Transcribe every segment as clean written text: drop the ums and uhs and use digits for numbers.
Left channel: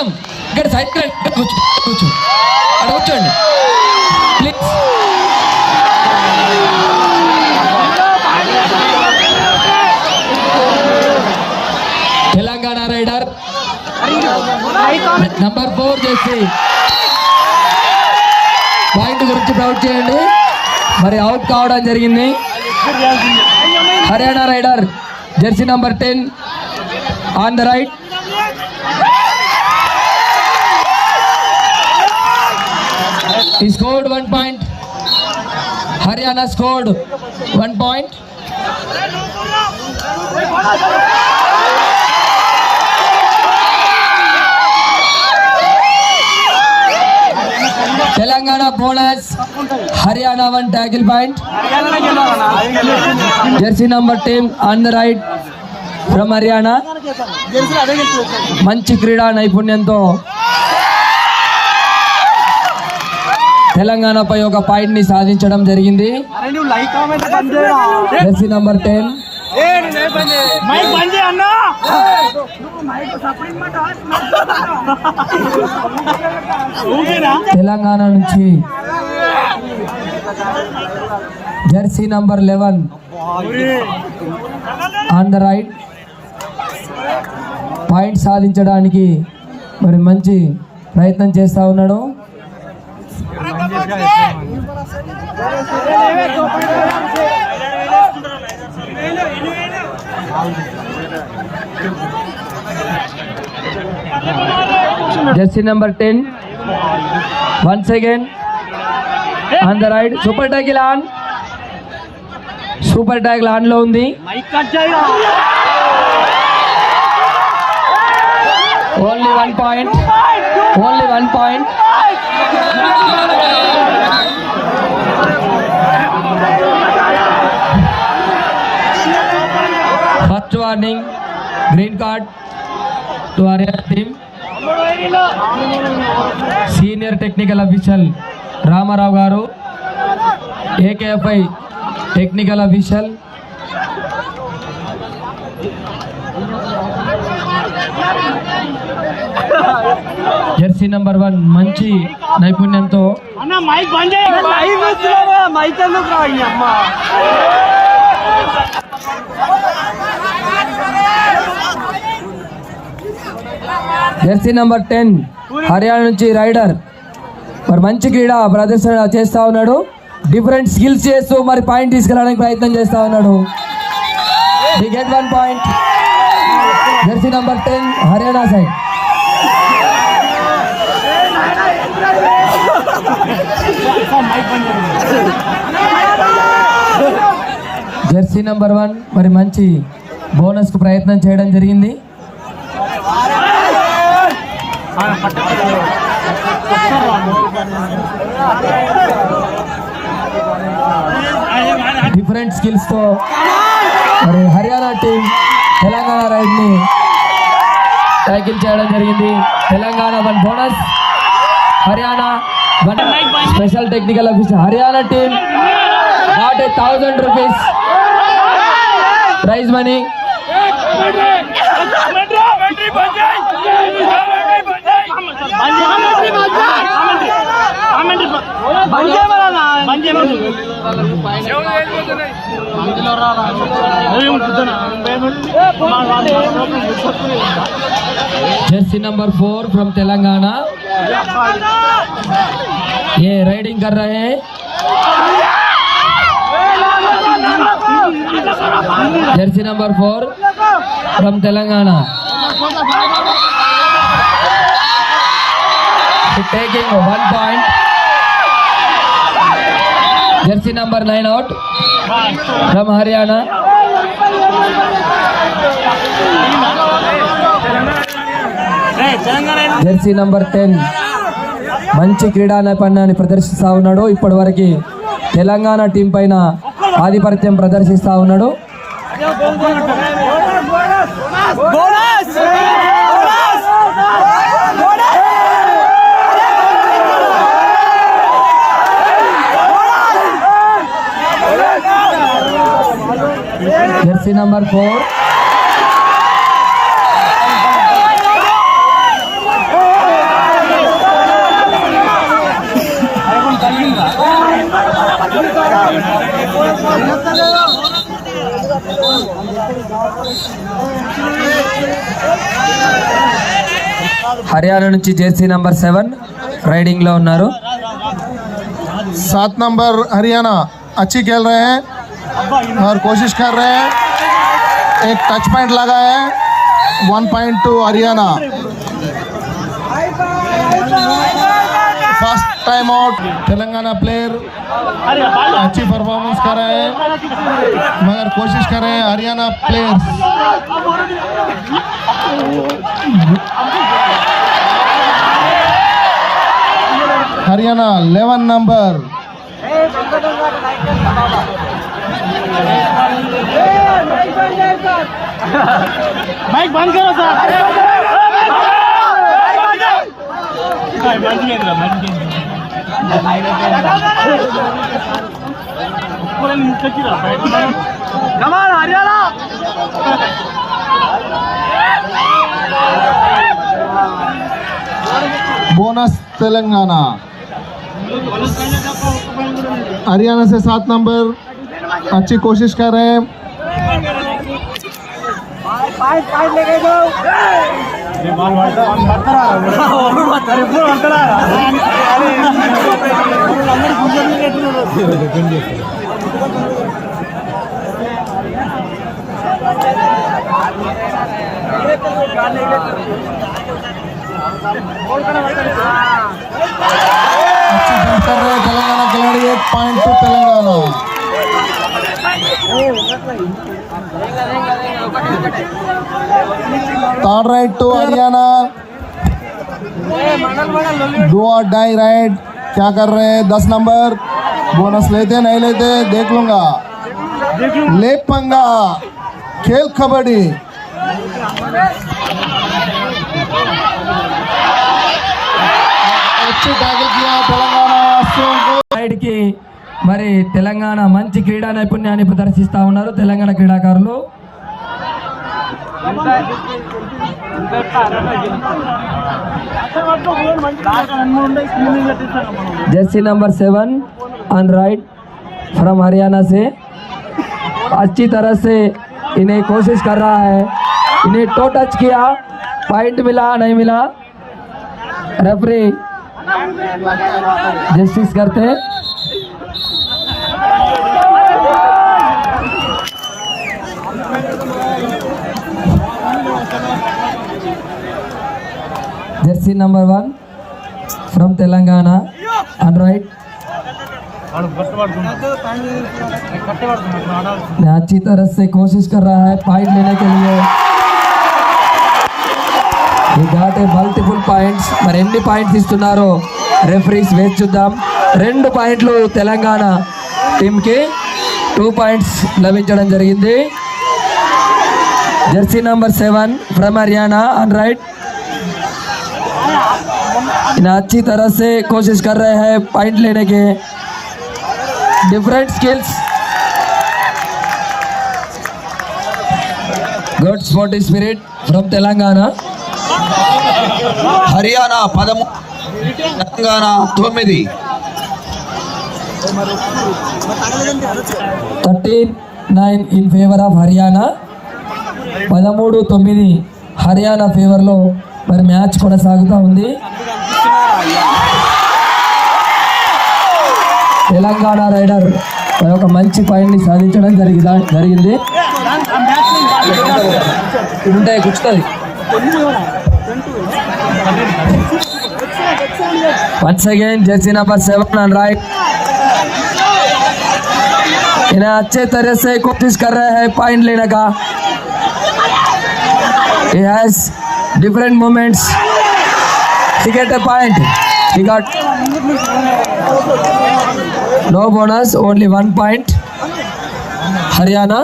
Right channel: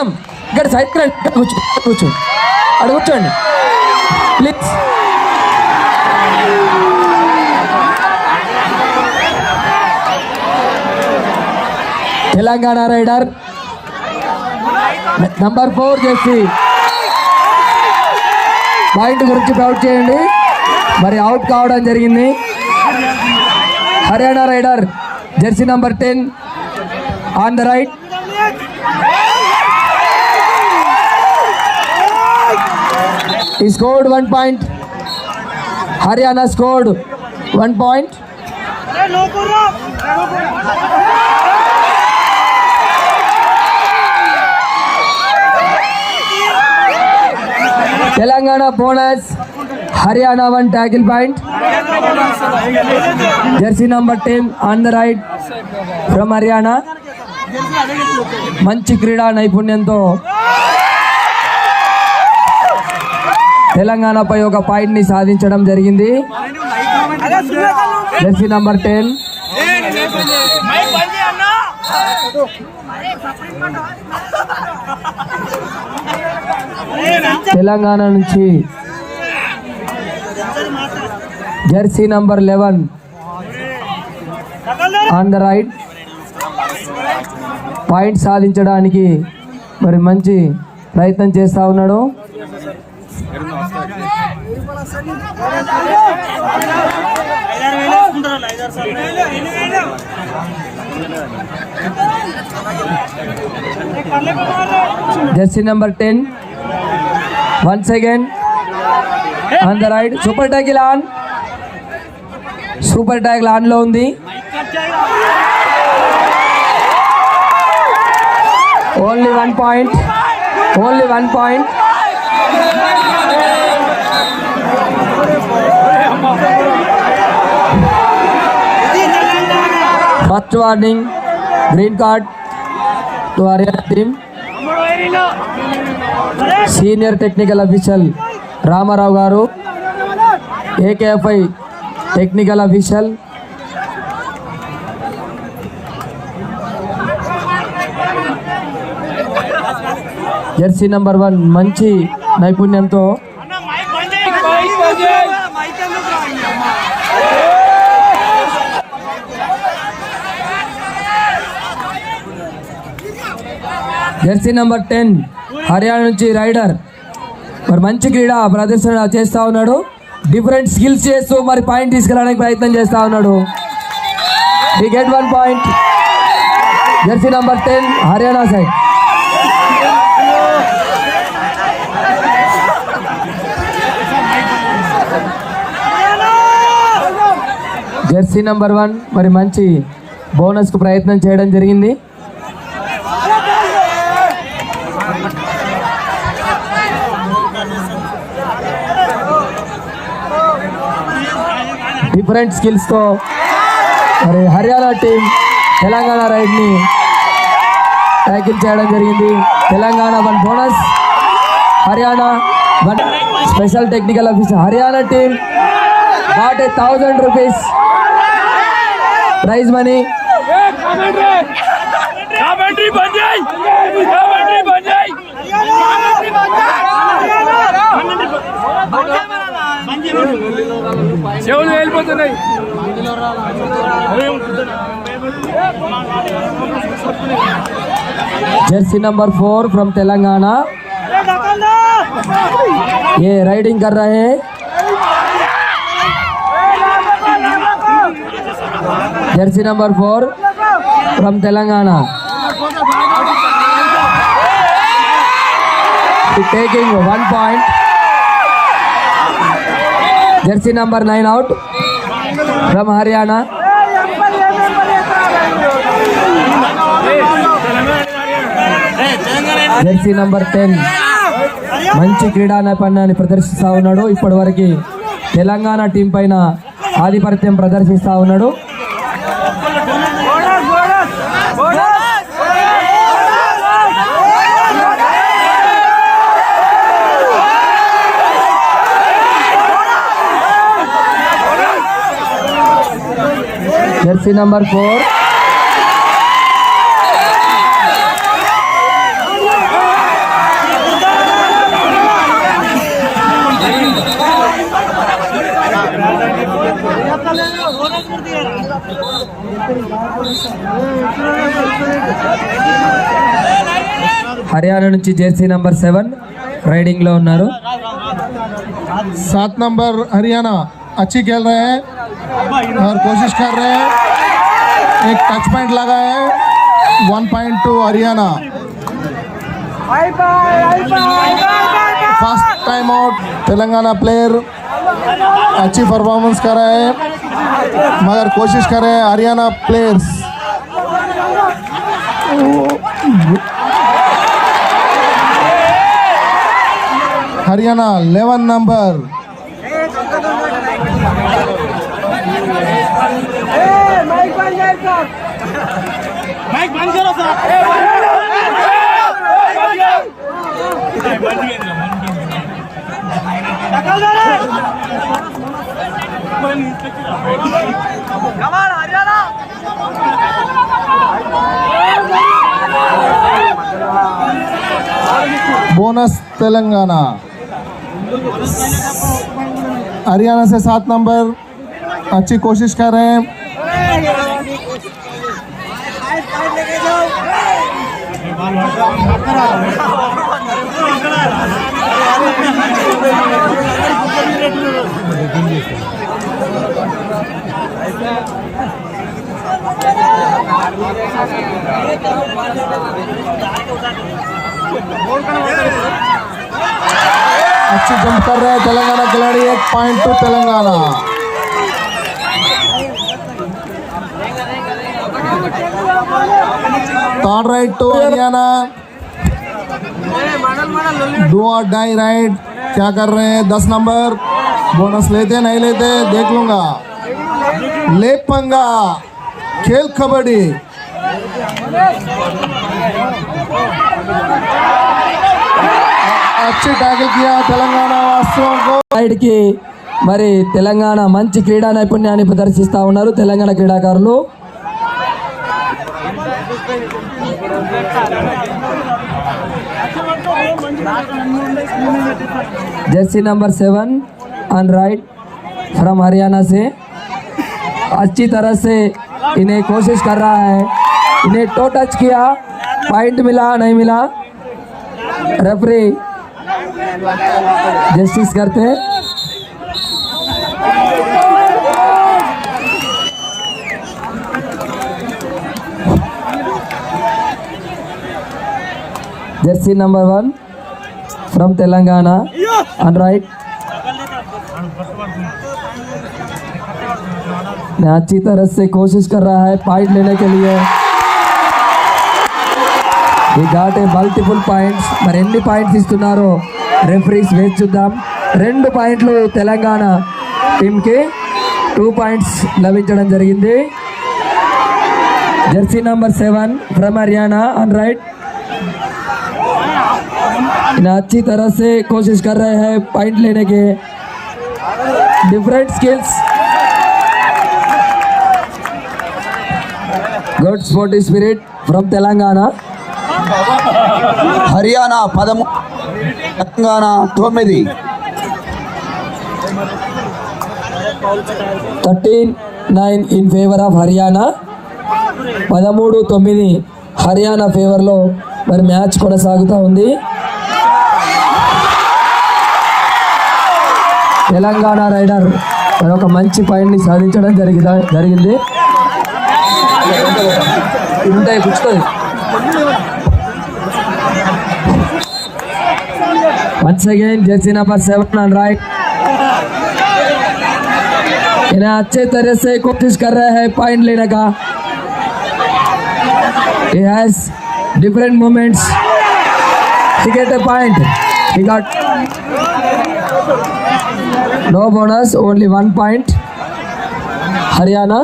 ఇక్కడ సైడ్ కూర్చో అక్కడ కూర్చోండి ప్లీజ్. తెలంగాణ రైడర్ నంబర్ 4 చేసి పాయింట్ గురించి ప్రౌడ్ చేయండి. మరి అవుట్ కావడం జరిగింది. Haryana raider jersey number 10 on the right. He scored 1 point. Haryana scored 1 point. Telangana bonus. Haryana 1 tackle point. Jersey number 10 on the right from Haryana. మంచి క్రీడా నైపుణ్యంతో తెలంగాణపై ఒక పాయింట్ ని సాధించడం జరిగింది. జెర్సీ నంబర్ 10 తెలంగాణ నుంచి jersey number 11 on the right point సాధించడానికి మరి మంచి ప్రయత్నం చేస్తూ ఉన్నాడు. Jersey number 10 once again on the right. Super tackle on. Super tackle on లో ఉంది. Only 1 point. Only 1 point. First warning green card to Haryana team. Senior technical official Ramarao garu, AKFI technical official jersey number 1 మంచి నైపుణ్యంతో Jersey number 10 హర్యానా నుంచి రైడర్ మరి మంచి క్రీడా ప్రదర్శన చేస్తూ ఉన్నాడు. డిఫరెంట్ స్కిల్స్ చేస్తూ మరి పాయింట్ తీసుకెళ్ళడానికి ప్రయత్నం చేస్తూ ఉన్నాడు. he get 1 point. Jersey number 10 Haryana side. Jersey number 1 మరి మంచి బోనస్కు ప్రయత్నం చేయడం జరిగింది. డిఫరెంట్ స్కిల్స్తో మరి హర్యానా టీం తెలంగాణ రైడ్ని ట్యాకిల్ చేయడం జరిగింది. తెలంగాణ 1 బోనస్, Haryana 1 special technical officer. Haryana team got 1000 rupees prize money. Jersey number 4 फ्रॉम तेलंगाना ये राइडिंग कर रहे हैं. जर्सी नंबर 4 फ्रॉम तेलंगाना taking 1 point. Jersey number 9 out from Haryana. Jersey number 10 మంచి క్రీడా నైపుణ్యాన్ని ప్రదర్శిస్తూ ఉన్నాడు. ఇప్పటివరకు తెలంగాణ టీం పైన ఆధిపత్యం ప్రదర్శిస్తూ ఉన్నాడు. జెర్సీ నంబర్ 4 హర్యానా నుంచి జెర్సీ నంబర్ 7 రైడింగ్ లో ఉన్నారు. 7 नंबर हरियाणा अच्छी खेल रहे हैं और कोशिश कर रहे हैं. एक टच पॉइंट लगा है. 1 point to Haryana. First time out Telangana player अच्छी परफॉर्मेंस कर रहे हैं मगर कोशिश कर रहे हैं Haryana players. Haryana 11 number mic बंद करो सर. बोनस तेलंगाना. हरियाणा से 7 नंबर अच्छी कोशिश कर रहे हैं. अच्छी जंप कर रहे हैं तेलंगाना खिलाड़ी. 1 point to Telangana. Third right to Haryana. Do or die right. क्या कर रहे हैं 10 नंबर. बोनस लेते नहीं लेते देख लूंगा. लेपंगा खेल कबड्डी. अच्छी टैकल किया तेलंगाना वासियों को. సైడ్ కి మరి తెలంగాణ మంచి క్రీడా నైపుణ్యాన్ని ప్రదర్శిస్తా ఉన్నారు తెలంగాణ క్రీడాకారులు. Jersey number 7 on right from Haryana से अच्छी तरह से इन्हें कोशिश कर रहा है. इन्हें टो टच किया. पॉइंट मिला नहीं मिला. रेफरी जस्टिस करते हैं. जर्सी नंबर 1 फ्रॉम तेलंगाना ऑन राइट. अच्छी तरह से कोशिश कर रहा है पॉइंट लेने के लिए. ఈ ఘాట్ మల్టిపుల్ పాయింట్స్. మరి ఎన్ని పాయింట్స్ ఇస్తున్నారో రెఫరీస్ వేసి చూద్దాం. 2 పాయింట్లు తెలంగాణ టీంకి 2 పాయింట్స్ లభించడం జరిగింది. Jersey number 7 from Haryana on right. इन अच्छी तरह से कोशिश कर रहे हैं पॉइंट लेने के. Different skills. Good sportive spirit from Telangana. Haryana 13 Telangana 9. 13-9 in favour of Haryana. 13-9 Haryana ఫేవర్లో మరి మ్యాచ్ కొనసాగుతూ ఉంది. తెలంగాణ రైడర్ మరి ఒక మంచి పాయింట్ని సాధించడం జరిగింది. ఇది ఉంటాయి కూర్చుతుంది. Once again Jersey number 7 on right. इन्हें अच्छे तरह से कोशिश कर रहे हैं पॉइंट लेने का. He has different moments. He get a point. He got no bonus, only 1 point. Haryana.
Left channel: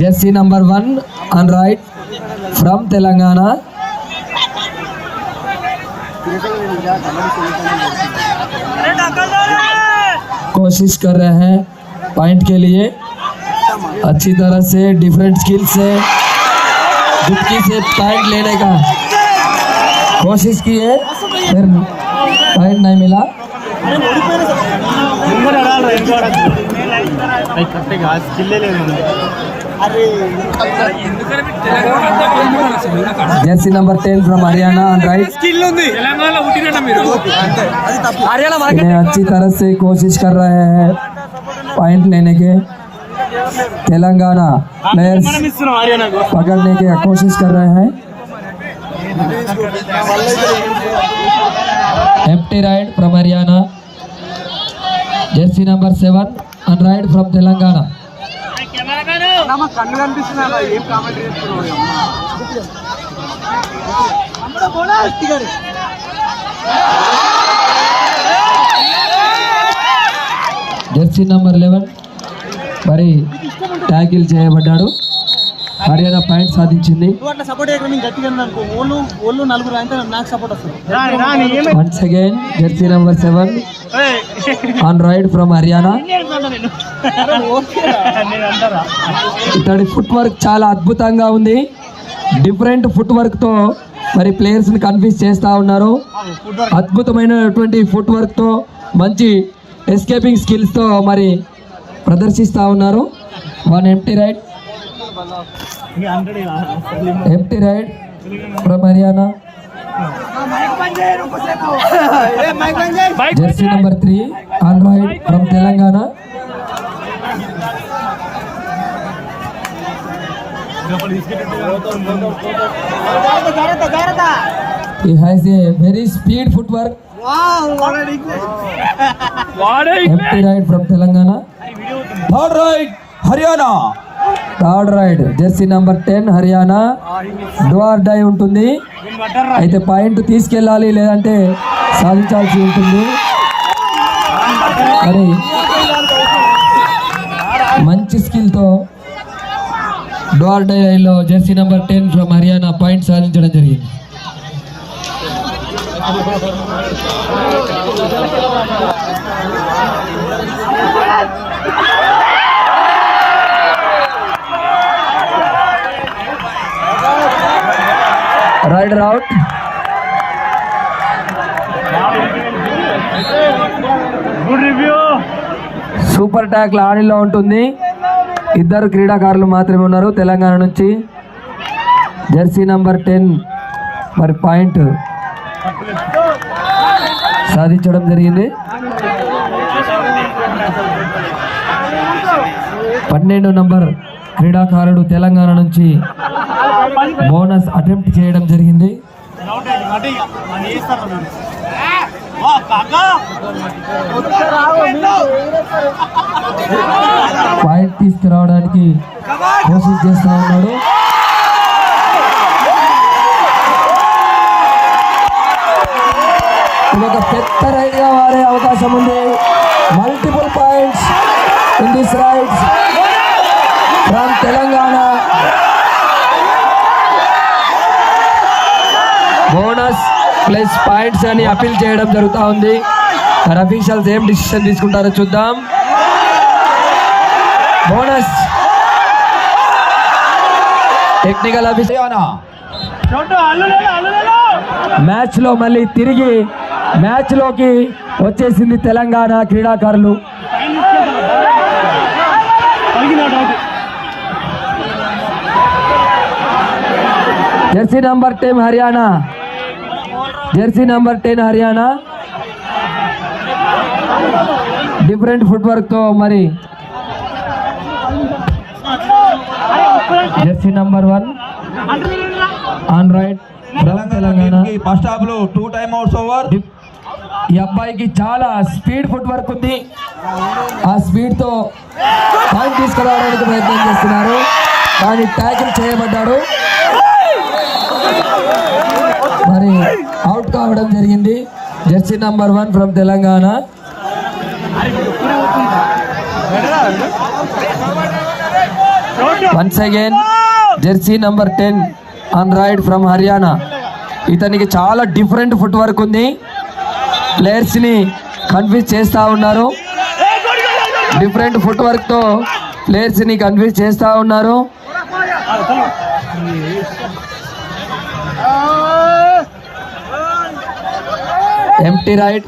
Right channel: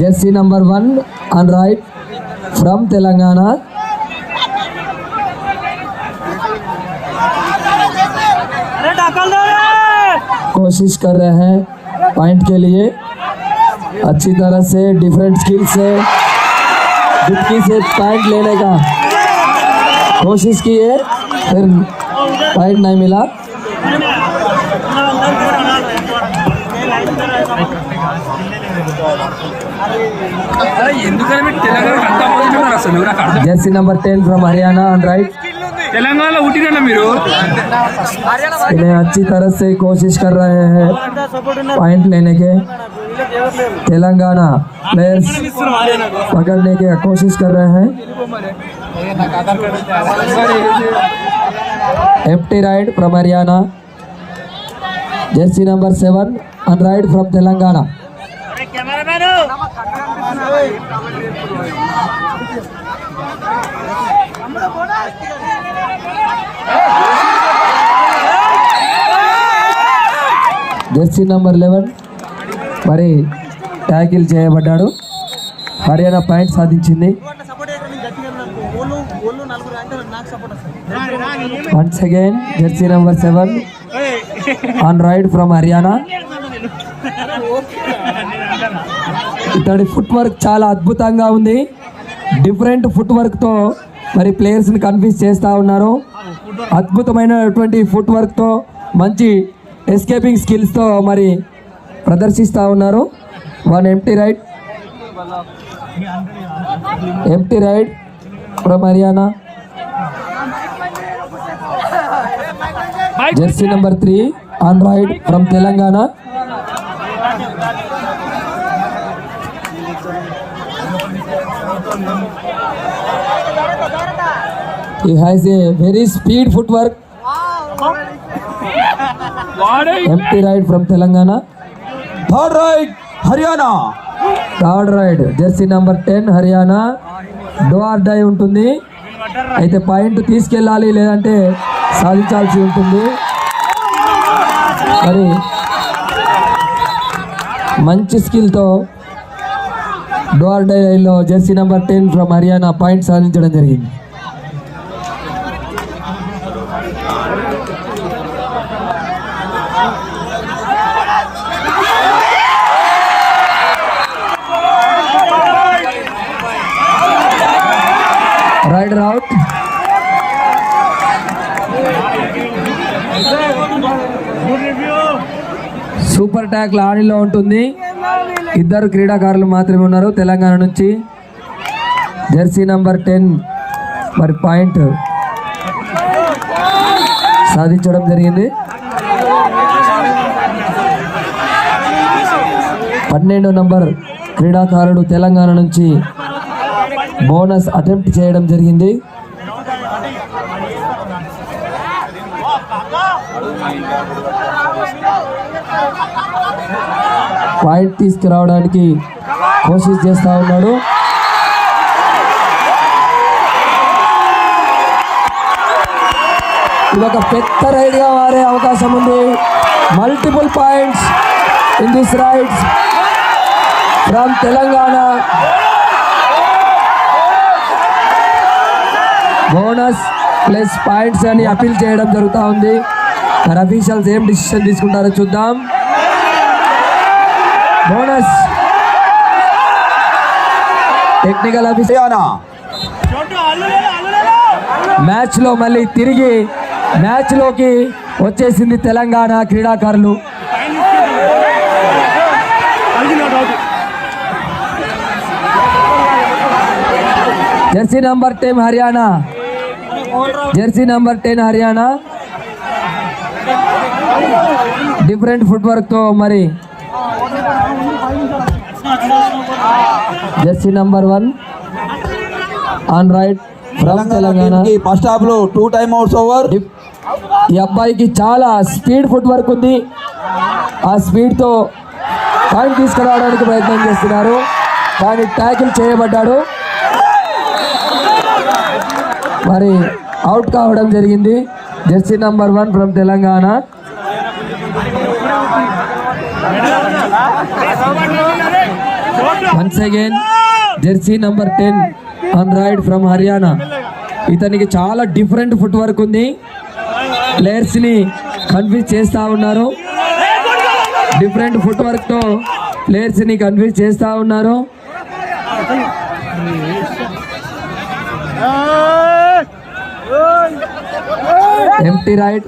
Jersey number 1 on right from Telangana. कोशिश कर रहे हैं पॉइंट के लिए. अच्छी तरह से डिफरेंट स्किल से दुबकी से पॉइंट लेने का कोशिश किए, फिर पॉइंट नहीं मिला. जर्सी नंबर 10 फ्रॉम हरियाणा ऑन राइट। इन्हें अच्छी तरह से कोशिश कर रहे हैं पॉइंट लेने के। तेलंगाना प्लेयर्स पकड़ने की कोशिश कर रहे हैं। Empty raid from Haryana. Jersey number 7 on raid from Telangana. Jersey number 11 మరి ట్యాకిల్ చేయబడ్డాడు. హర్యానా పాయింట్ సాధించింది. Once again jersey number 7 on raid from Haryana. ఇతడి ఫుట్ వర్క్ చాలా అద్భుతంగా ఉంది. డిఫరెంట్ ఫుట్ వర్క్తో మరి ప్లేయర్స్ని కన్ఫ్యూజ్ చేస్తూ ఉన్నారు. అద్భుతమైనటువంటి ఫుట్ వర్క్తో మంచి ఎస్కేపింగ్ స్కిల్స్తో మరి ప్రదర్శిస్తూ ఉన్నారు. One empty raid from Haryana. Jersey number 3 on raid from Telangana. He has a very speed footwork. Empty ride from Telangana. Third raid Haryana. Third raid jersey number 10 Haryana. Do or die ఉంటుంది. అయితే పాయింట్ తీసుకెళ్ళాలి లేదంటే సాధించాల్సి ఉంటుంది. మరి మంచి స్కిల్తో డో ఆర్ డై రైడ్లో jersey number 10 from Haryana point సాధించడం జరిగింది. Raider out. సూపర్ ట్యాక్ల్ ఆడిలో ఉంటుంది. ఇద్దరు క్రీడాకారులు మాత్రమే ఉన్నారు తెలంగాణ నుంచి. జెర్సీ నంబర్ 10 మరి పాయింట్ సాధించడం జరిగింది. 12 నంబర్ క్రీడాకారుడు తెలంగాణ నుంచి బోనస్ అటెంప్ట్ చేయడం జరిగింది. పాయింట్ తీసుకురావడానికి కోషిష్ చేస్తూ ఉన్నాడు. ఇది ఒక పెద్ద రైడ్గా మారే అవకాశం ఉంది. Multiple points in this rides from Telangana. Bonus plus points అని అపీల్ చేయడం జరుగుతూ ఉంది. మరి అఫీషియల్స్ ఏం డిసిషన్ తీసుకుంటారో చూద్దాం. బోనస్ టెక్నికల్ అఫీషియల్ మ్యాచ్లో మళ్ళీ తిరిగి మ్యాచ్లోకి వచ్చేసింది తెలంగాణ క్రీడాకారులు. Jersey number 10 Haryana. Jersey number 10 Haryana different foot వర్క్తో మరి Jersey number 1 on right from Telangana. First half లో 2 టైమ్ అవుట్స్ ఓవర్. ఈ అబ్బాయికి చాలా స్పీడ్ ఫుట్ వర్క్ ఉంది. ఆ స్పీడ్తో పాయింట్ తీసుకురావడానికి ప్రయత్నం చేస్తున్నారు. కానీ ట్యాకిల్ చేయబడ్డాడు. మరి అవుట్ కావడం జరిగింది. Jersey number 1 from Telangana. Once again jersey number 10 on raid from Haryana. ఇతనికి చాలా డిఫరెంట్ ఫుట్ వర్క్ ఉంది. ప్లేయర్స్ని కన్ఫ్యూజ్ చేస్తూ ఉన్నారు. డిఫరెంట్ ఫుట్ వర్క్తో ప్లేయర్స్ని కన్ఫ్యూజ్ చేస్తూ ఉన్నారు. ఎంప్టీ రైడ్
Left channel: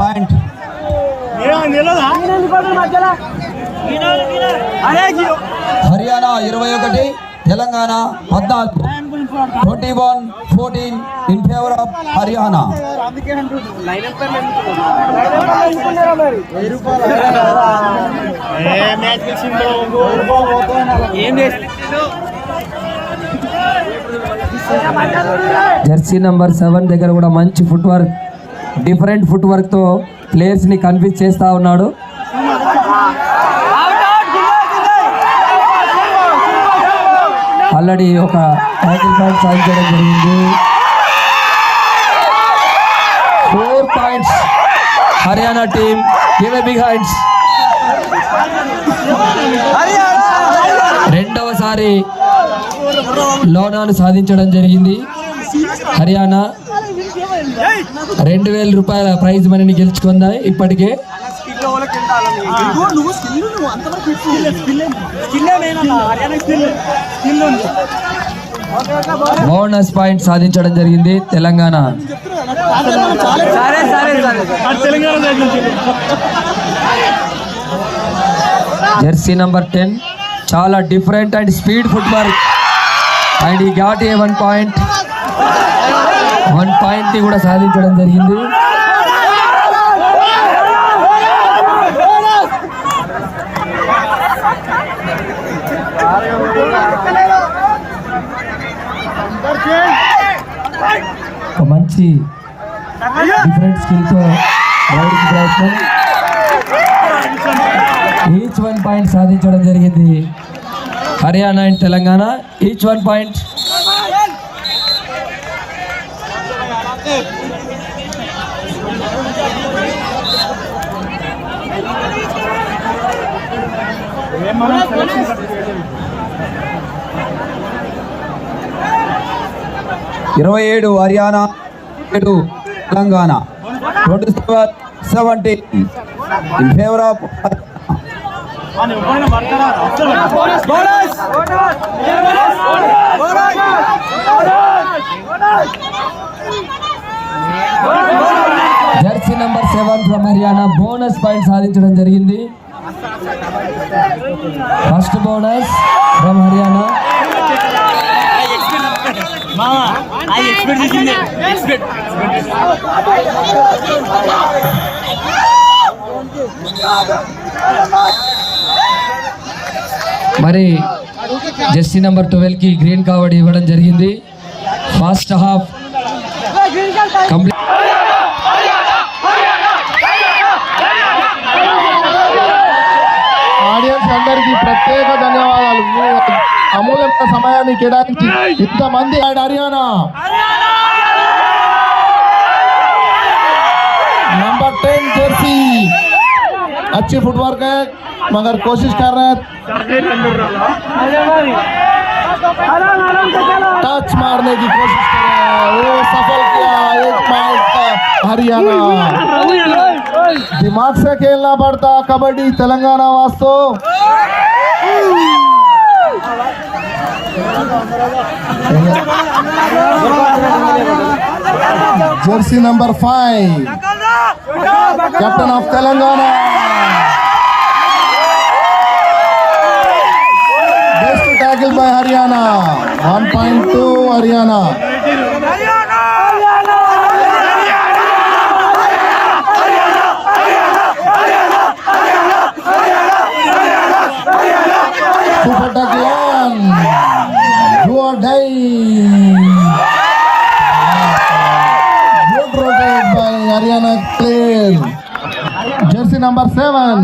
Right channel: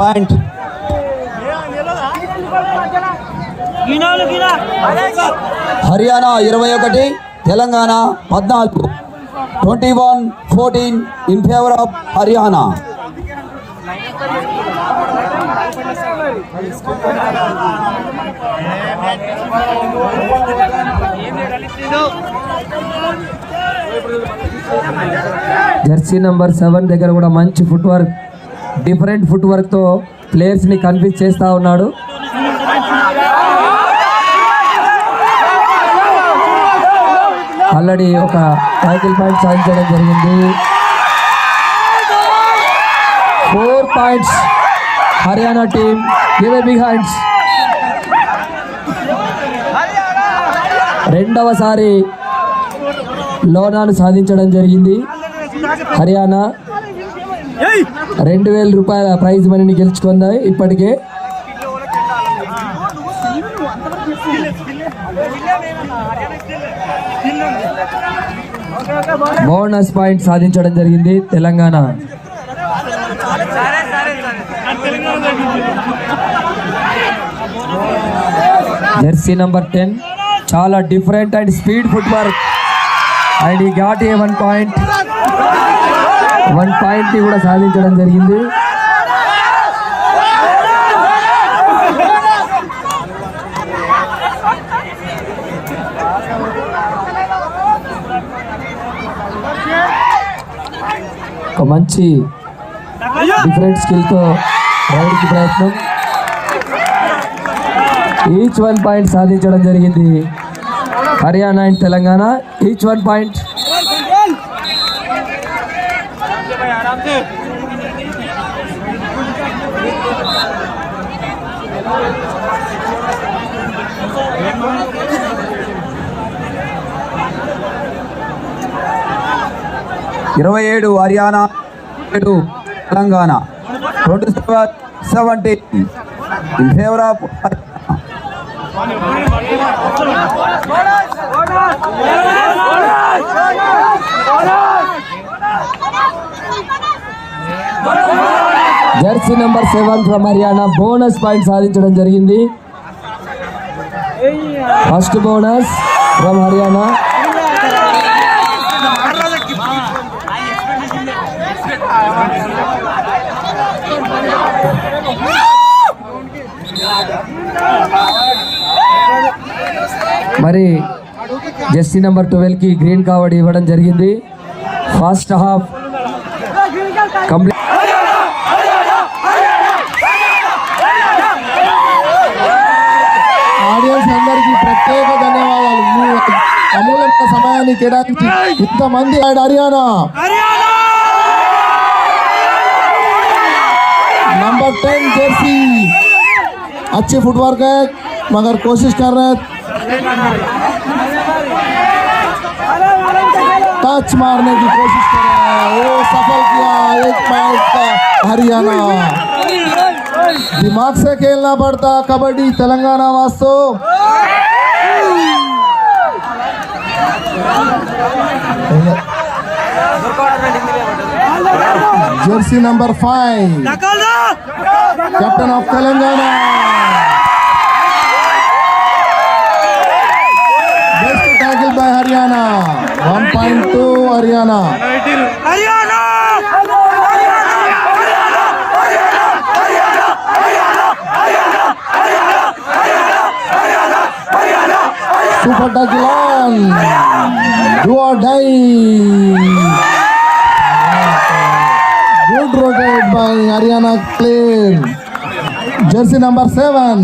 పాయింట్ హర్యానా 21 తెలంగాణ 14 21-14 in favor of Haryana. Jersey number 7 దగ్గర కూడా మంచి foot work, different foot work తో ప్లేయర్స్ ని కన్ఫ్యూజ్ చేస్తా ఉన్నాడు. ఆల్రెడీ ఒక టైటిల్ పాయింట్ సాధించడం జరిగింది. 4 points Haryana team. Give a big hands. రెండవసారి లోనాను సాధించడం జరిగింది హర్యానా. 2000 రూపాయల ప్రైజ్ మనీని గెలుచుకుంది ఇప్పటికే. బోనస్ పాయింట్ సాధించడం జరిగింది తెలంగాణ. జెర్సీ నంబర్ 10 చాలా different and speed foot work and ఈ ఘాట్ 1 పాయింట్. 1 పాయింట్ ని కూడా సాధించడం జరిగింది. ఒక మంచి డిఫరెంట్ స్కిల్తో రైడ్కి ప్రయత్నం. ఈచ్ 1 పాయింట్ సాధించడం జరిగింది హర్యానా అండ్ తెలంగాణ. ఈచ్ 1 పాయింట్. $27 హర్యానా, 7 తెలంగాణ. 27-17 in favor of Jersey number 7 ఫ్రమ్ హర్యానా బోనస్ పాయింట్ సాధించడం జరిగింది. First bonus from Haryana. మరి జెర్సీ నెంబర్ 12 కి గ్రీన్ కార్డ్ ఇవ్వడం జరిగింది. First half complete. ఆడియన్స్ అందరికీ ప్రత్యేక ధన్యవాదాలు. మీ అమూల్యమైన సమయాన్ని కేటాయించి ఇంతమంది హర్యానా नंबर 10 जर्सी अच्छी फुटवर्क है मगर कोशिश कर रहे हैं टच मारने की कोशिश कर रहे हैं. वो सफल किया. 1 पॉइंट का हरियाणा. दिमाग से खेलना पड़ता कबड्डी तेलंगाना वास्तव. Jersey number 5 captain of Telangana. Best tackle by Haryana. 1.2 Haryana. Super tackle do or die. Good rotate by Haryana player. Jersey number 7.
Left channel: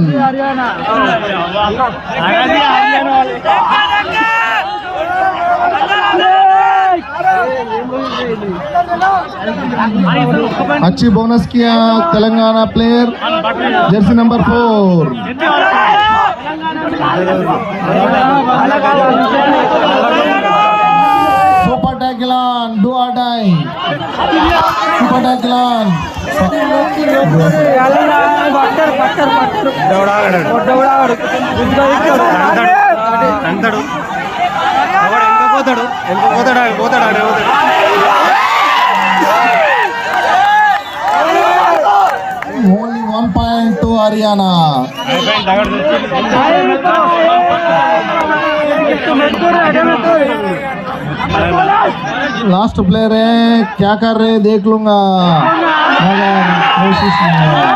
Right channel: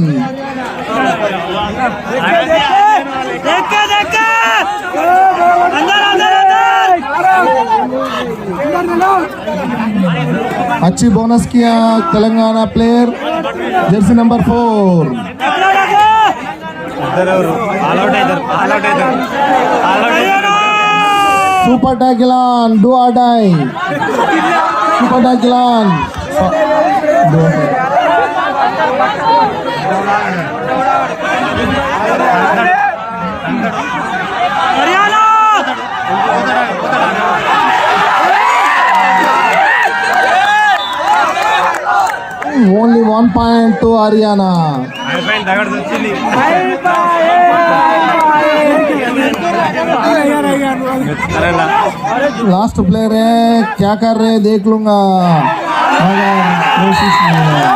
अच्छी बोनस किया Telangana player. Jersey number 4. Super Tackle, do or die. Super Tackle. Only 1 1 point to Haryana. Last player है, क्या कर रहे देख लूंगा मगर कोशिश नहीं है.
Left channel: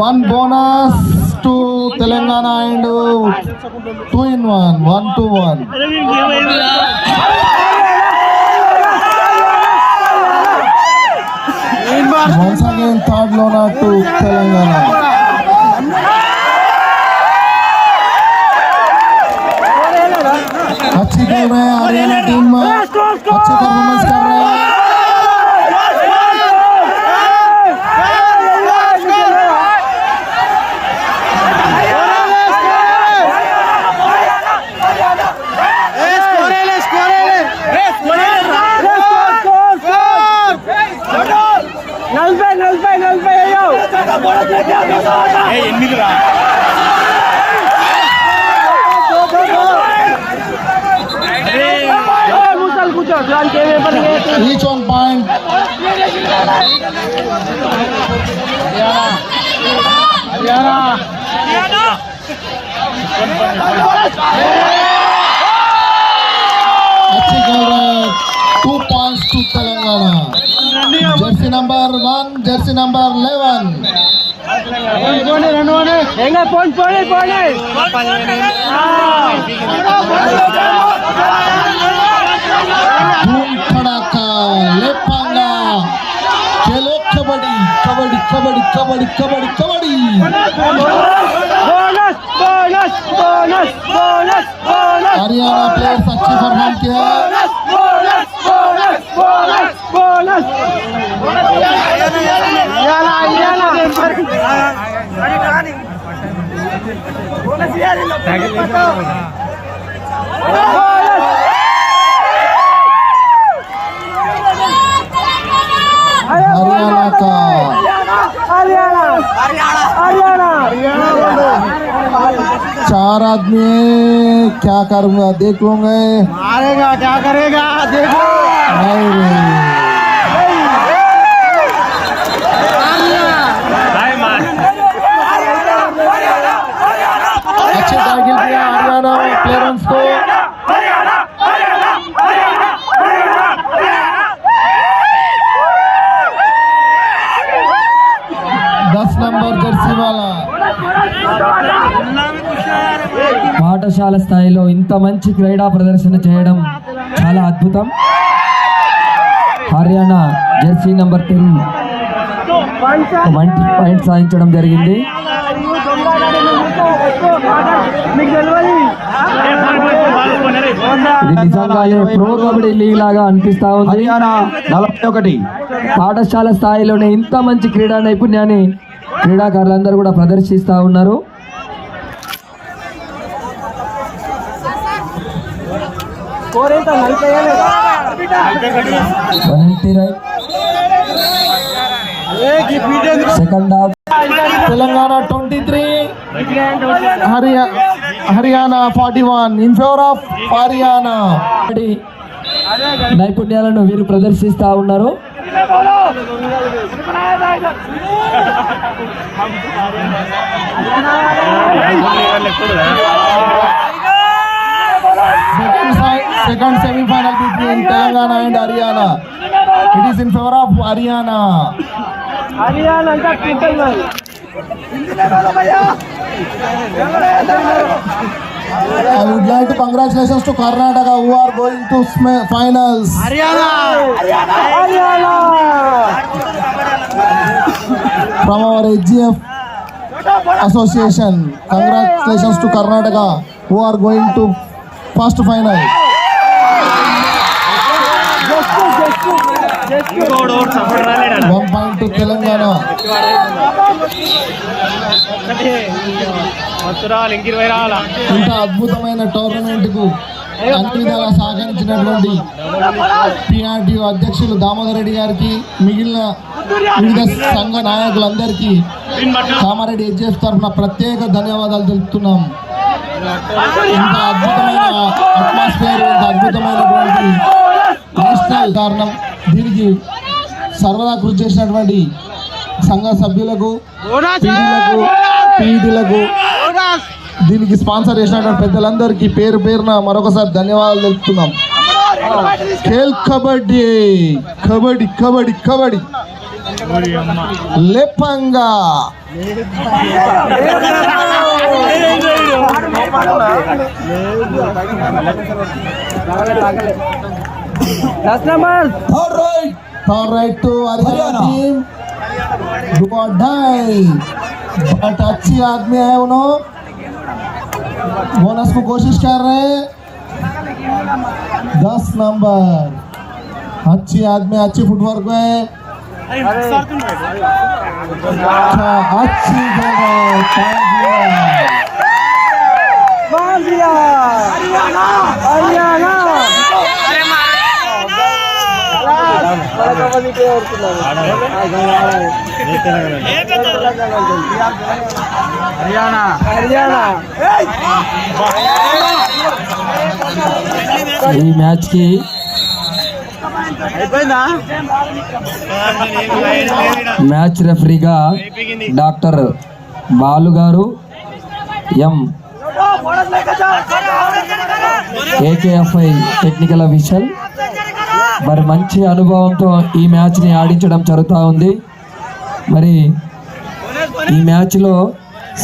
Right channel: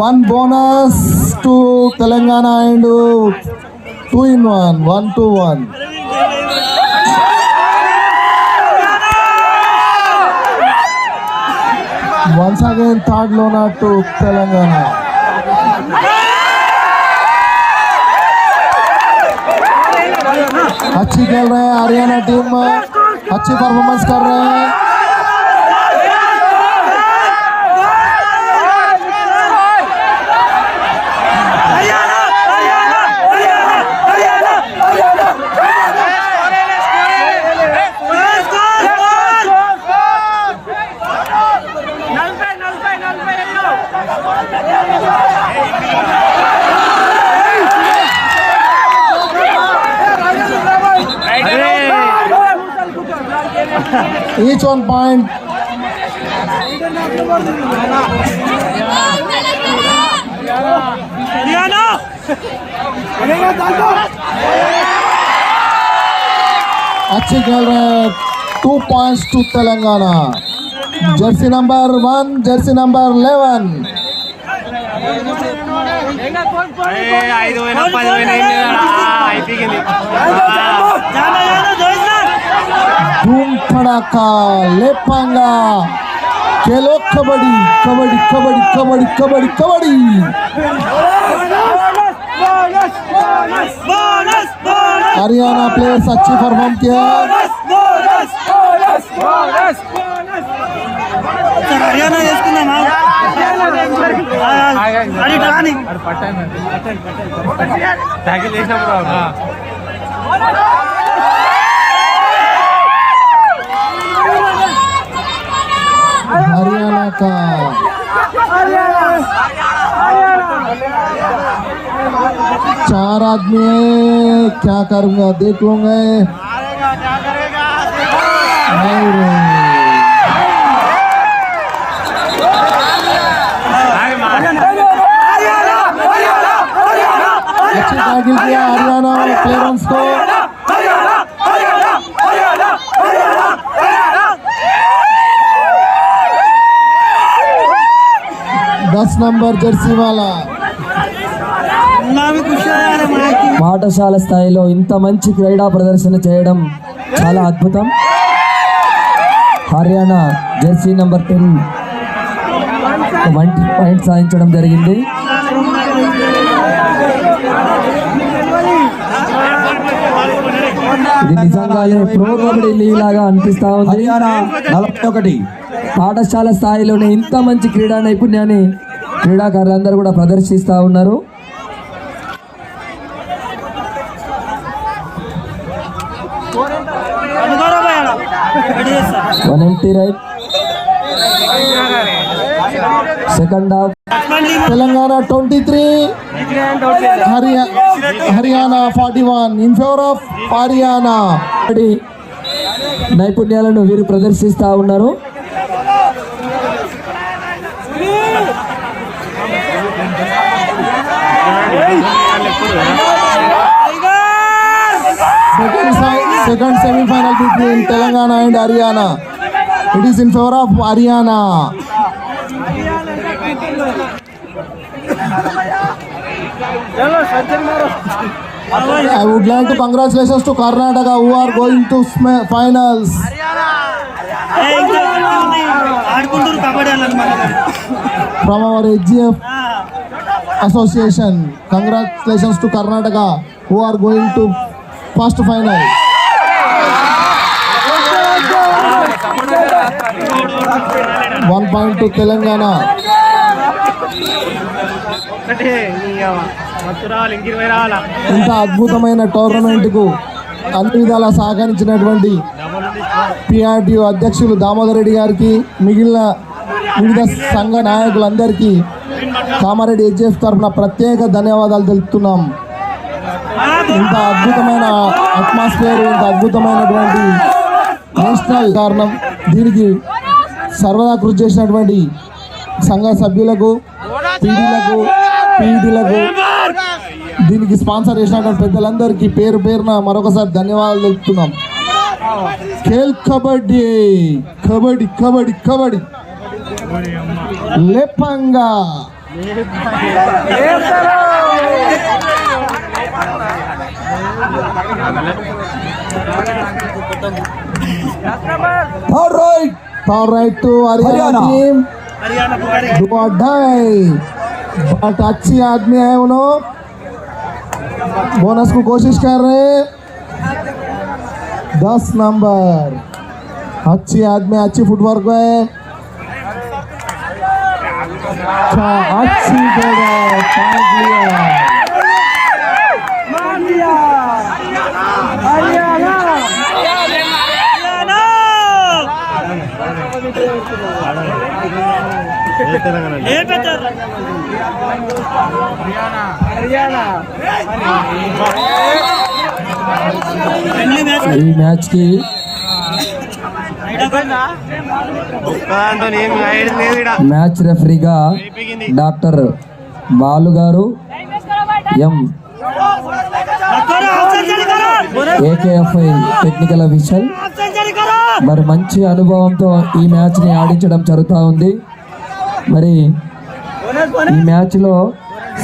One bonus to Telangana and 2-in-1, 1-1. Once again, third lona to Telangana. अच्छी खेल रहे हैं हरियाणा टीम, अच्छी परफॉर्मेंस कर रहे हैं. Each 1 point. अच्छी खेल रहे हैं. 2 points to Telangana. Jersey number 1, jersey number 11. धूम धड़ाका लेपांगा. खेलो कबड्डी कबड्डी कबड्डी कबड्डी कबड्डी कबड्डी. हरियाणा प्लेयर्स अच्छी परफॉर्म किया. हरियाणा का चार आदमी है, क्या करूंगा देख लूंगा. क्या करेगा नहीं रे. अच्छे टारगेट किया हरियाणा प्लेयर्स को. दस नंबर जर्सी वाला. పాఠశాల స్థాయిలో ఇంత మంచి క్రీడా ప్రదర్శన చేయడం చాలా అద్భుతం. హర్యానా జెర్సీ నంబర్ 10 1 పాయింట్ సాధించడం జరిగింది. ఇది నిజంగానే ప్రో కబడ్డీ లీగ్ లాగా అనిపిస్తా ఉంది. హర్యానా 41. పాఠశాల స్థాయిలోనే ఇంత మంచి క్రీడా నైపుణ్యాన్ని క్రీడాకారులందరూ కూడా ప్రదర్శిస్తూ ఉన్నారు. సెకండ్ హాఫ్ तेलंगाना 23, हरियाणा 41 in favor of हरियाणा. నైపుణ్యాలను వీరు ప్రదర్శిస్తూ ఉన్నారు. Second semi-final between Telangana and Haryana. It is in favor of Haryana. I would like to congratulations to Karnataka who are going to finals. From our HGF association, congratulations to Karnataka who are going to first final. One point to Telangana. ఇంత అద్భుతమైన టోర్నమెంట్ కు అన్ని విధాలా సహకరించినటువంటి పిఆర్టీఓ అధ్యక్షులు దామోదర్ రెడ్డి గారికి, మిగిలిన వివిధ సంఘ నాయకులందరికీ కామారెడ్డి హెచ్ఎఫ్ తరఫున ప్రత్యేక ధన్యవాదాలు తెలుపుతున్నాం. ఇంత అద్భుతమైన అట్మాస్ఫియర్, ఇంత అద్భుతమైనటువంటి నేషనల్ కారణం. దీనికి సర్వదా కృషి చేసినటువంటి సంఘ సభ్యులకు, పీఈటీలకు, దీనికి స్పాన్సర్ చేసినటువంటి పెద్దలందరికీ పేరు పేరున మరొకసారి ధన్యవాదాలు తెలుపుతున్నాం. ఖేల్ కబడ్డీ కబడ్డీ కబడ్డీ కబడ్డీ లేపంగా Third right to Haryana team. Do or die. But अच्छी आदमी है उन्होंने बोनस को कोशिश कर रहे हैं. 10 नंबर अच्छी आदमी, अच्छी फुटवर्क है. अच्छी जगह पॉइंट लिया हरियाणा. ఈ మ్యాచ్ కి మ్యాచ్ రెఫరీగా డాక్టర్ బాలు గారు, ఎం ఏకేఎఫ్ఐ టెక్నికల్ అఫీషియల్. మరి మంచి అనుభవంతో ఈ మ్యాచ్ని ఆడించడం జరుగుతూ ఉంది. మరి ఈ మ్యాచ్లో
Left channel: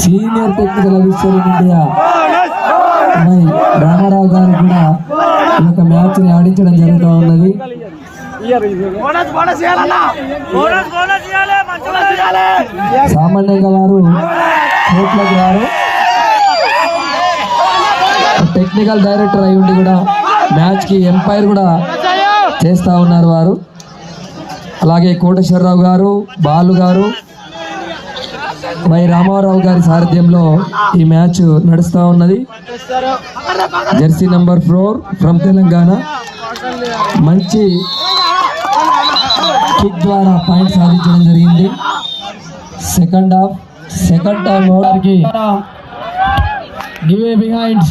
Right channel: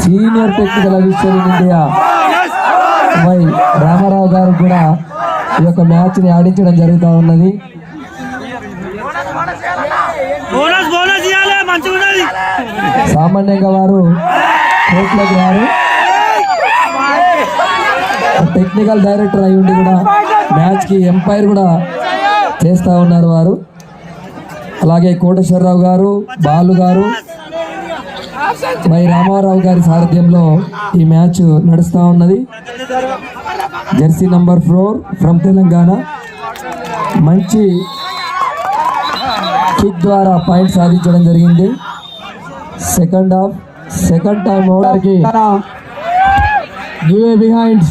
senior technical official in India Y Ramarao garu కూడా ఈ యొక్క మ్యాచ్ని ఆడించడం జరుగుతూ ఉన్నది. సామాన్యంగా వారు కోర్టులోకి రారు, టెక్నికల్ డైరెక్టర్ అయి ఉండి కూడా మ్యాచ్కి ఎంపైర్ కూడా చేస్తూ ఉన్నారు వారు. అలాగే కోటేశ్వరరావు గారు, బాలు గారు, వై రామారావు గారి సారథ్యంలో ఈ మ్యాచ్ నడుస్తూ ఉన్నది. జెర్సీ నంబర్ 4 ఫ్రమ్ తెలంగాణ మంచి కిక్ ద్వారా పాయింట్ సాధించడం జరిగింది. సెకండ్ టైం ఓవర్కి గివ్ బిహైండ్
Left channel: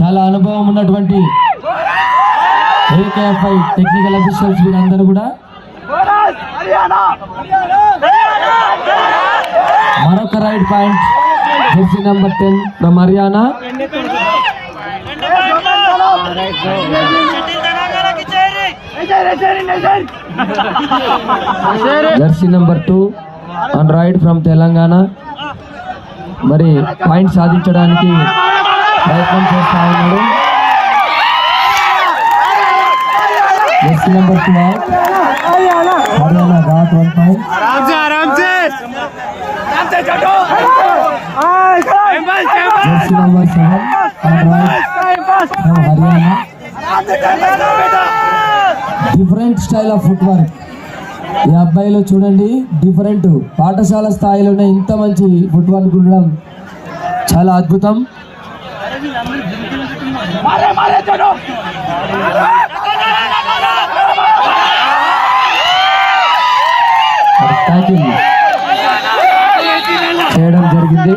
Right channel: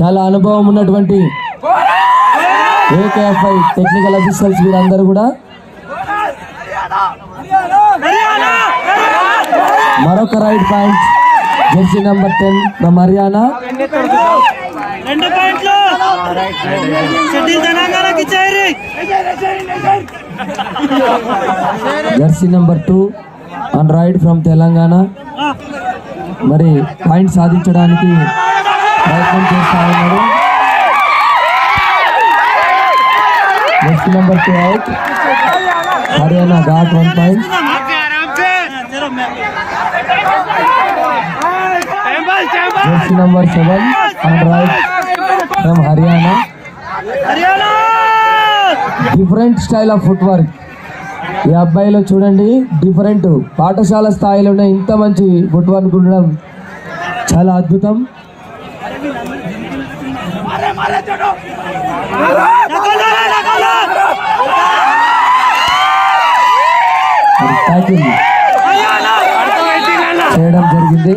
చాలా అనుభవం ఉన్నటువంటి ఏకేఎఫ్ఐ టెక్నికల్ అఫీషియల్స్ వీరందరూ కూడా మరొక right point Jersey number 10 from Haryana. Jersey number 2 on right from Telangana. మరి పాయింట్ సాధించడానికి ప్రయత్నం చేస్తా ఉన్నాడు. జెర్సీ నంబర్ 2 అవుట్. హర్యానా got 1 point. Jersey number 7 on right from Haryana. Different style of foot work. ఈ అబ్బాయిలో చూడండి, డిఫరెంట్. పాఠశాల స్థాయిలోనే ఇంత మంచి ఫుట్ వర్క్ ఉండడం చాలా అద్భుతం. ట్యాకిల్ చేయడం జరిగింది.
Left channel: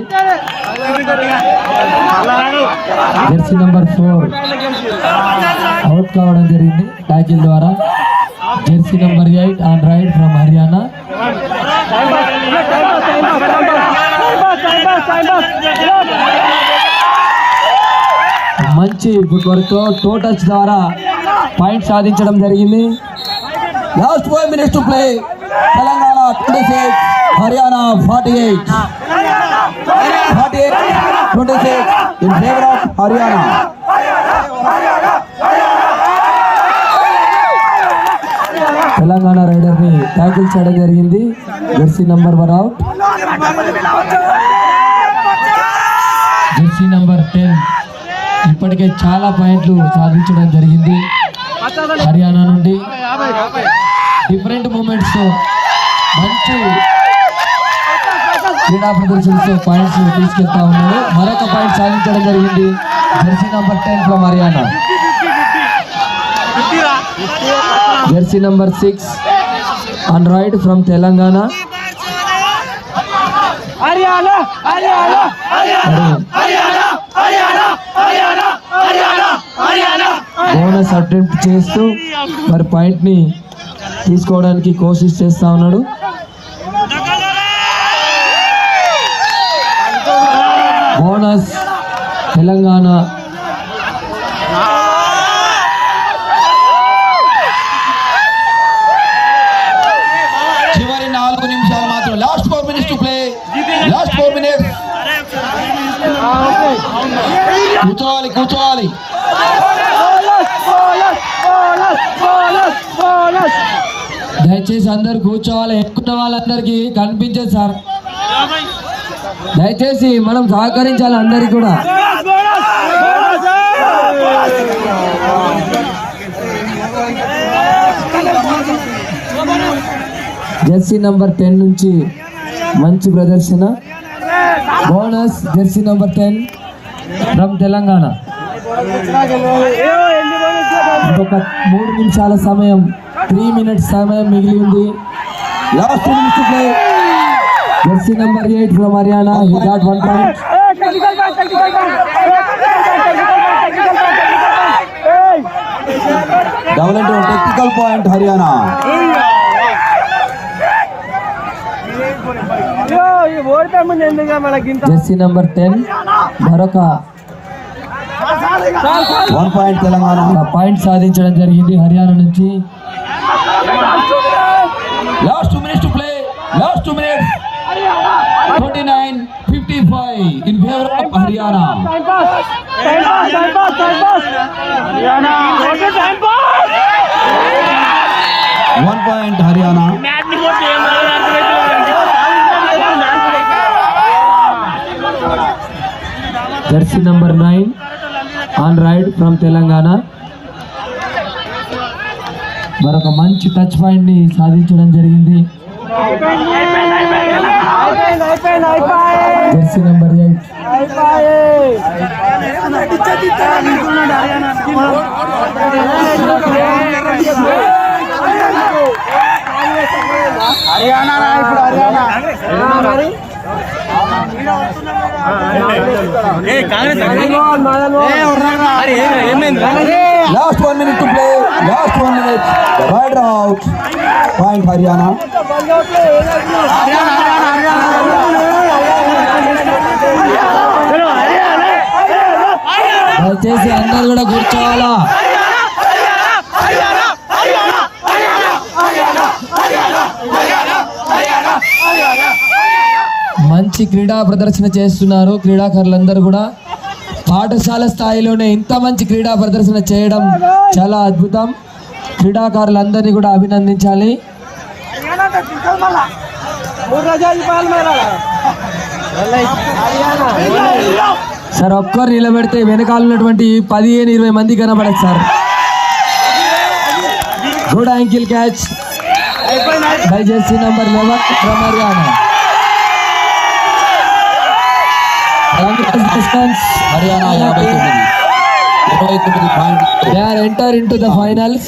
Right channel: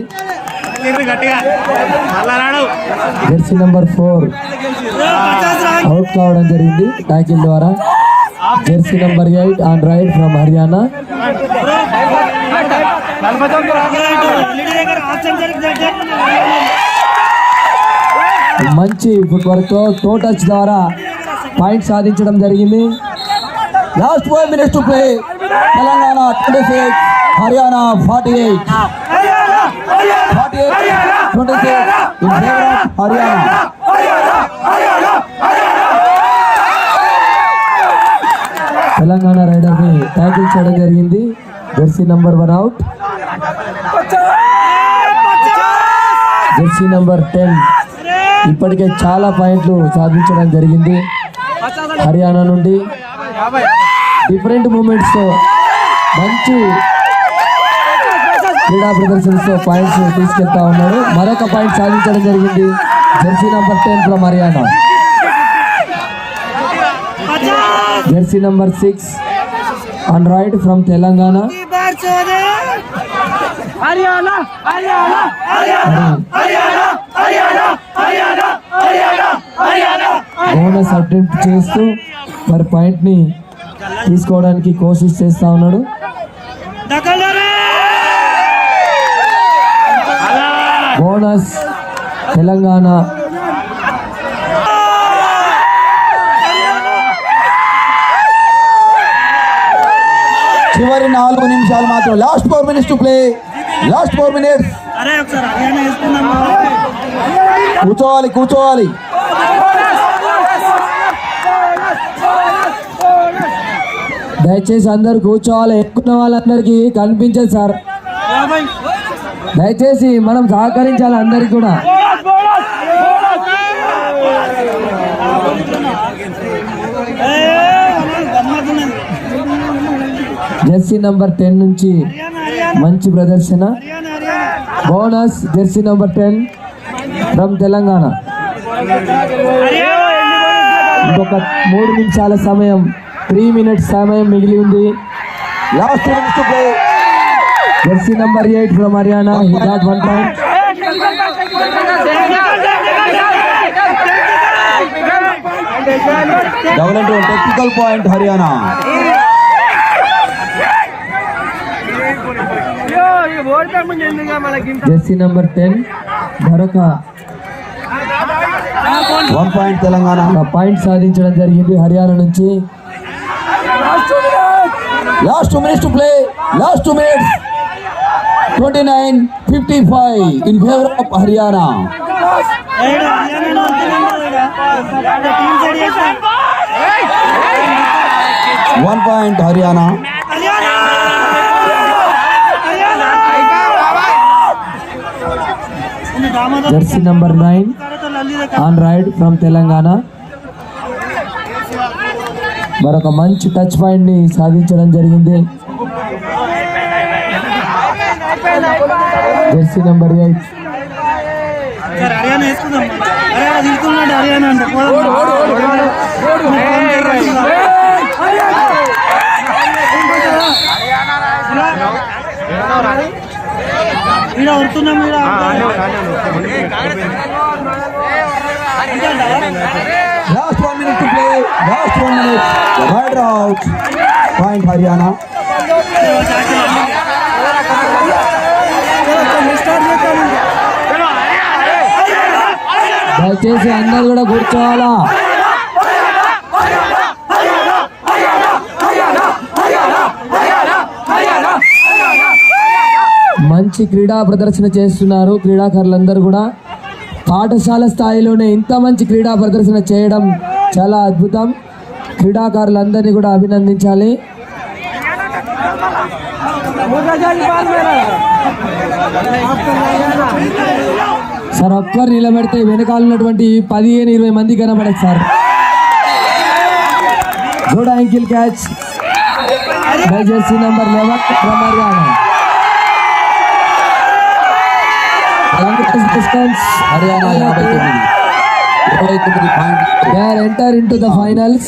జెర్సీ నంబర్ 4 అవుట్ కావడం జరిగింది ట్యాకిల్ ద్వారా. Jersey number 8 on right from Haryana. మంచి ఫుట్ వర్క్ తో టో టచ్ ద్వారా పాయింట్ సాధించడం జరిగింది. Last 4 minutes to play. Telangana 26, Haryana 48. 48-26 in favour of Haryana. Telangana raider ని ట్యాకిల్ చేయడం జరిగింది. Jersey number 1 out. Jersey number 10 ఇప్పటికే చాలా పాయింట్లు సాధించడం జరిగింది హర్యానా నుండి. డిఫరెంట్ మూమెంట్స్తో మంచి క్రీడా ప్రదర్శనతో పాయింట్స్ తీసుకెళ్తా ఉన్నాడు. మరొక పాయింట్ సాధించడం జరిగింది Jersey number 10 from Haryana. Jersey number 6 on right from Telangana. Haryana हरियाणा हरियाणा हरियाणा हरियाणा हरियाणा हरियाणा हरियाणा బోనస్ అటెంప్ట్ చేస్తూ మరి పాయింట్ ని తీసుకోవడానికి కోషిష్ చేస్తా ఉన్నాడు. బోనస్ తెలంగాణ. చివరి 4 నిమిషాలు మాత్రం. లాస్ట్ 4 minutes టు ప్లే. లాస్ట్ 4 minutes. కూర్చోవాలి కూర్చోవాలి. దయచేసి అందరు కూర్చోవాలి. ఎక్కున్న వాళ్ళందరికీ కనిపించదు సార్. దయచేసి మనం సహకరించాలి అందరికి కూడా. జెర్సీ నంబర్ 10 నుంచి మంచి ప్రదర్శన. బోనస్ జెర్సీ నంబర్ 10 ఫ్రమ్ తెలంగాణ. ఇంకొక 3 నిమిషాల సమయం, 3 minutes సమయం మిగిలి ఉంది. లాస్ట్ 2 minutes to play. Jersey number 8 ఫ్రమ్ Haryana. He got 1 point. Double into technical point Haryana. Jersey number 10 మరొక 1 point తెలంగాణ. పాయింట్ సాధించడం జరిగింది హర్యానా నుంచి. Last 2 minutes to play. Last 2 minutes. 29-55 in favour of Haryana. One point Haryana. Jersey number 9 on raid from Telangana. మరొక మంచి టచ్ పాయింట్ ని సాధించడం జరిగింది. Jersey number 8 Last 1 minute to play. Last 1 minute. The rider out. Point Haryana. దయచేసి అందరు కూడా కూర్చోవాలా. మంచి క్రీడా ప్రదర్శన చేస్తున్నారు క్రీడాకారులందరూ కూడా. పాఠశాల స్థాయిలోనే ఇంత మంచి క్రీడా ప్రదర్శన చేయడం చాలా అద్భుతం. క్రీడాకారులందరినీ కూడా అభినందించాలి. సార్ ఒక్కరు నిలబెడితే వెనకాల ఉన్నటువంటి 15-20 మంది కనబడదు sir. Good ankle catch by Jersey number 11 ఫ్రమ్ హర్యానా. హర్యానా 29 point. They are enter into the finals.